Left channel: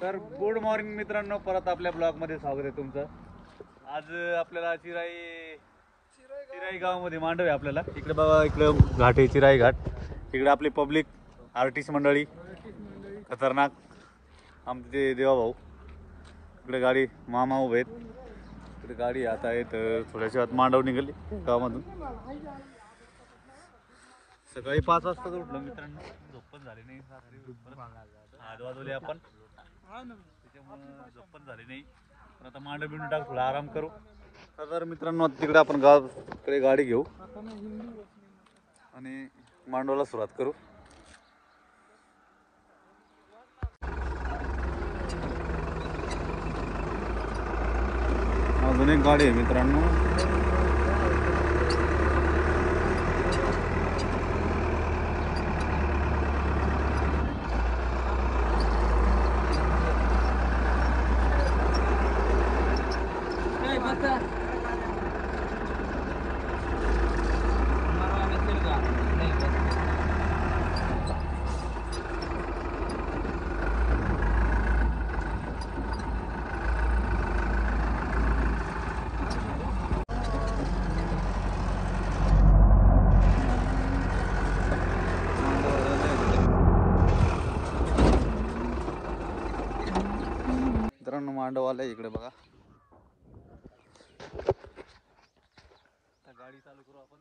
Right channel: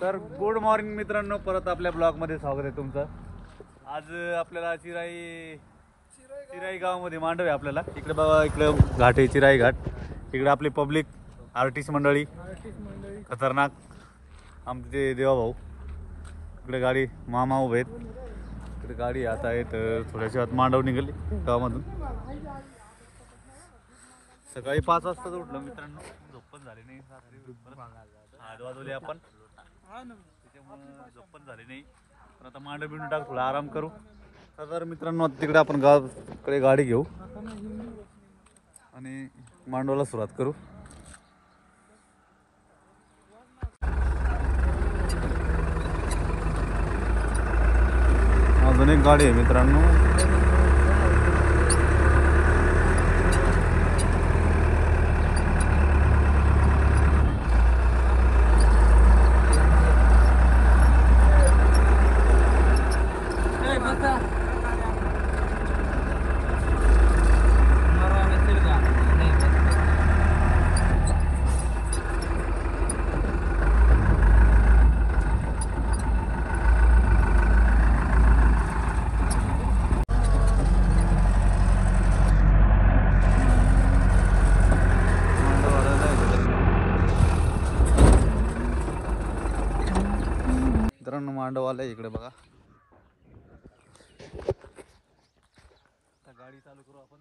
तर good morning मित्रांनो, परत आपल्या ब्लॉग मध्ये स्वागत आहे तुमचं। आज आपल्याला चिराई गावामध्ये मांडव आहे आपल्याला। इकडे बघा, इकडे घाट आहे चिराई घाट। इकडे आपली पब्लिक आर्टिस्ट मंडळी खतरनाक आमचे देवाभाऊ। इकडे गाडी मामा उभे आहेत, इकडे गाडी आता आहेत। थोड्याशा आत मांडव निघाली गावामधून। सकाळी 5 वाजता उठलो मित्रांनो, झोप पण झाली नाही। 8 वाजले आपण, त्याच्यामुळे झोप पण झाली नाही। पण आता मांडव बिंडू टाक, थोडा आराम करू। तर मित्रांनो तिकडे आपण गावाकडे गाडी घेऊ आणि मांडवाला सुरुवात करू। अजून एक गाडी आहे मित्रांनो। मित्रांनो मांडव आलाय इकडे बघा। गाडी चालू करू आपण।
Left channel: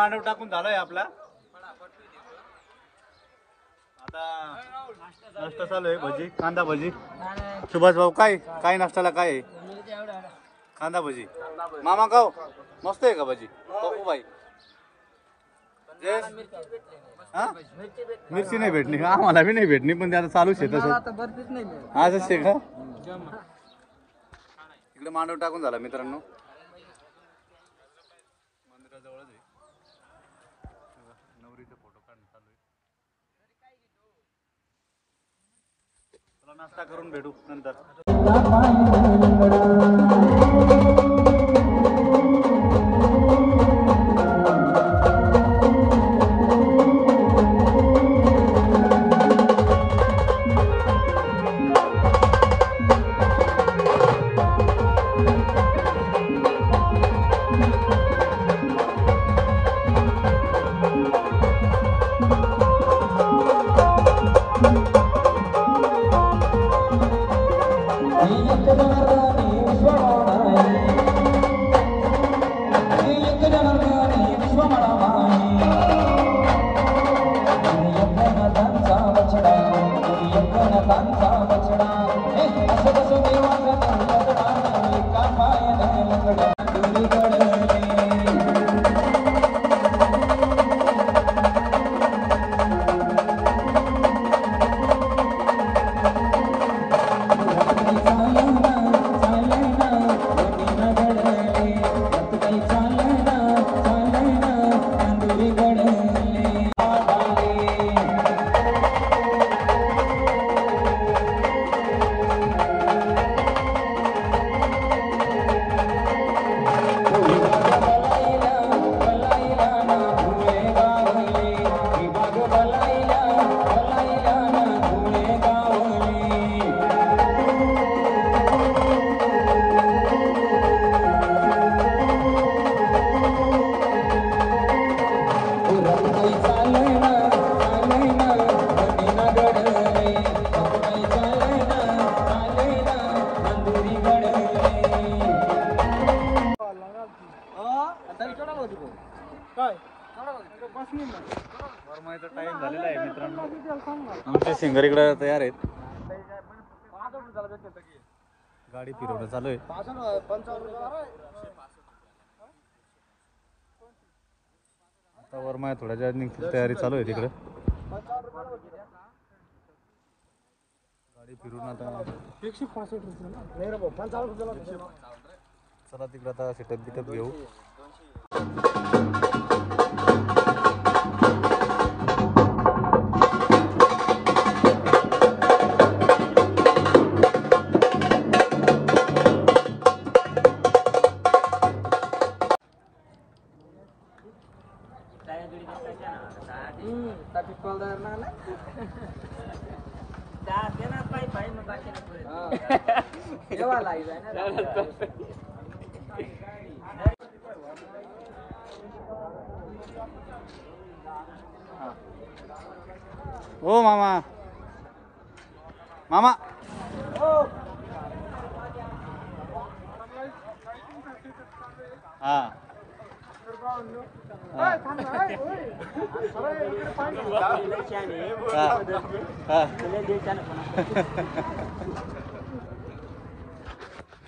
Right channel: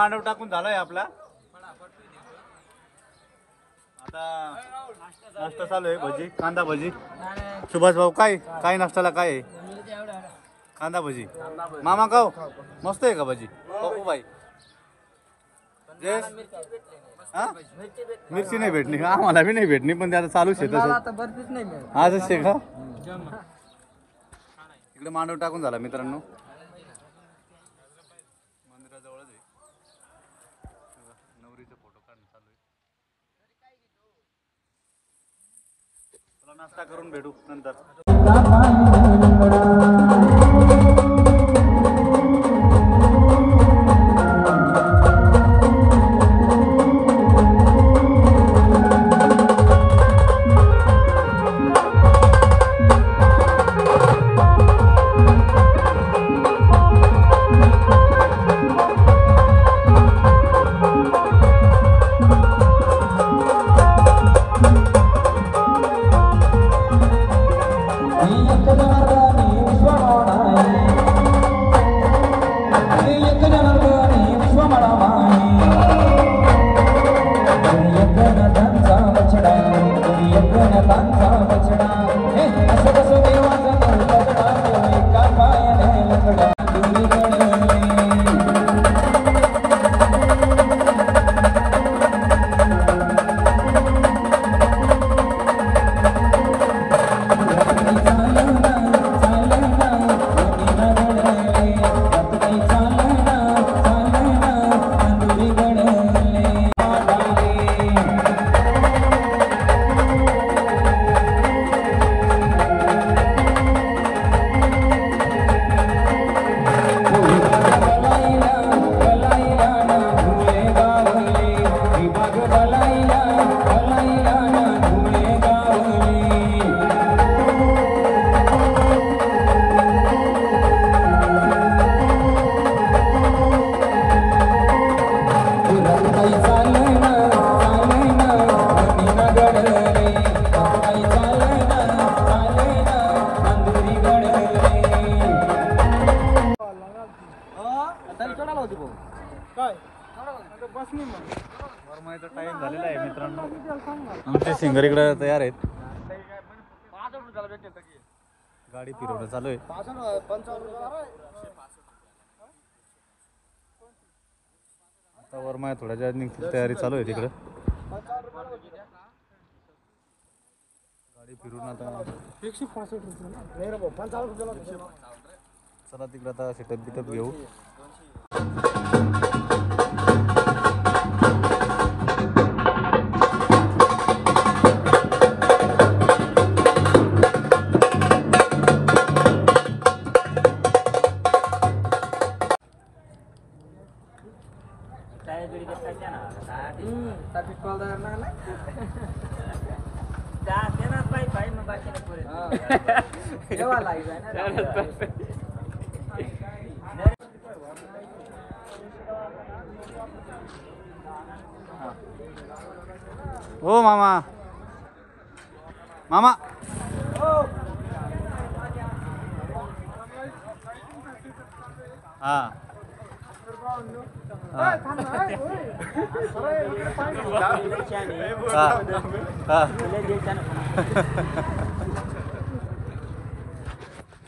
मांडव टाकून झालाय आपला. आता नाश्ता चालू आहे. भजी, कांदा भजी. सुभाष भाऊ काय काय नाश्त्याला काय आहे? कांदा भजी. मामा खाऊ मस्त आहे का भजी? बघू बाई. हा मिरची नाही भेटली का? आम्हाला बी नाही भेटली, पण ते आता चालूच आहे तसं. आजच आहे का? इकडे मांडव टाकून झाला मित्रांनो. मंदिराजवळच आहे. नवरीचा फोटो काढणं चालू आहे. चला नाश्ता करून भेटू नंतर. टाइम झालेला आहे मित्रांनो. आमचे सिंगर इकडे तयार आहेत. गाडी फिरवणं चालू आहे. आता वरमाया थोड्याच्या निघतील तयारी चालू आहे तिकडे. गाडी फिरून आता चला तिकडे आता सेटअप बिटअप घेऊ. ओ मामा मामा हा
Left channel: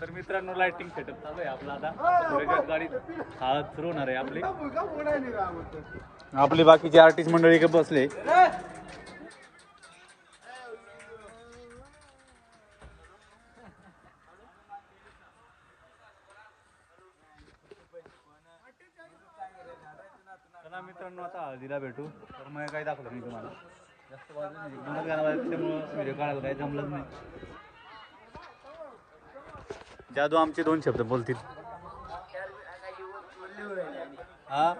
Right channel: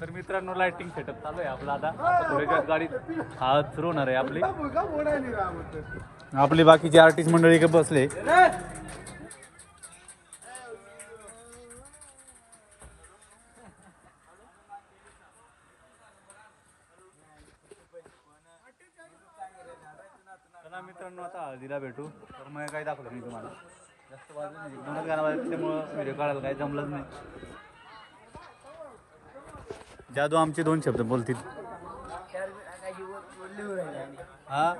तर मित्रांनो लाइटिंग सेटअप चालू आहे आपला. आता थोड्या गाडी सुरू होणार आहे आपली. आपली बाकीची आर्टिस्ट मंडळी इकडे बसले. चला मित्रांनो आता हळदीला भेटू. तर मग काही दाखवलं मी तुम्हाला जास्त वाजलं नाही. एकदमच गाणं वाजल्यामुळं व्हिडिओ काढायला काही जमलंच नाही. जादू आमचे 2 शब्द बोलतील. हा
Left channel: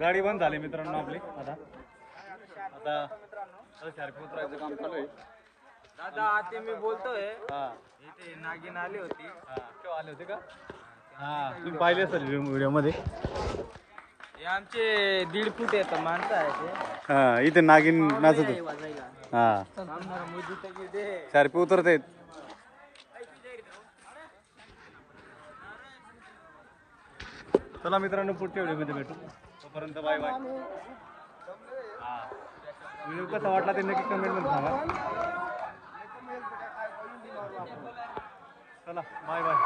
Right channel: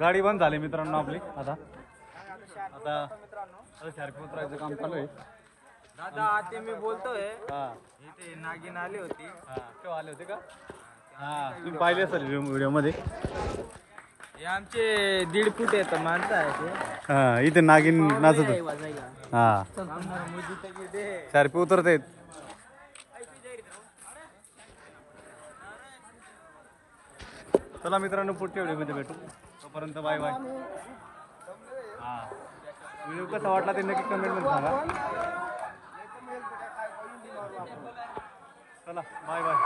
गाडी बंद झाली मित्रांनो आपली आता आता शार्पी उतरायचं काम चालू आहे. दादा आता मी बोलतोय हा इथे नागिन आली होती. हा केव्हा आले होते का? हा तुम्ही पाहिले असेल व्हिडिओ मध्ये. हे आमचे 1.5 फूट येतं माणसं आहे. हा इथे नागिन नाचत होत. हा शार्पी उतरते. चला मित्रांनो पुढच्या व्हिडिओमध्ये भेटू. तोपर्यंत बाय बाय. हा व्हिडिओ कसा वाटला ते नक्की कमेंटमध्ये सांगा. चला बाय बाय.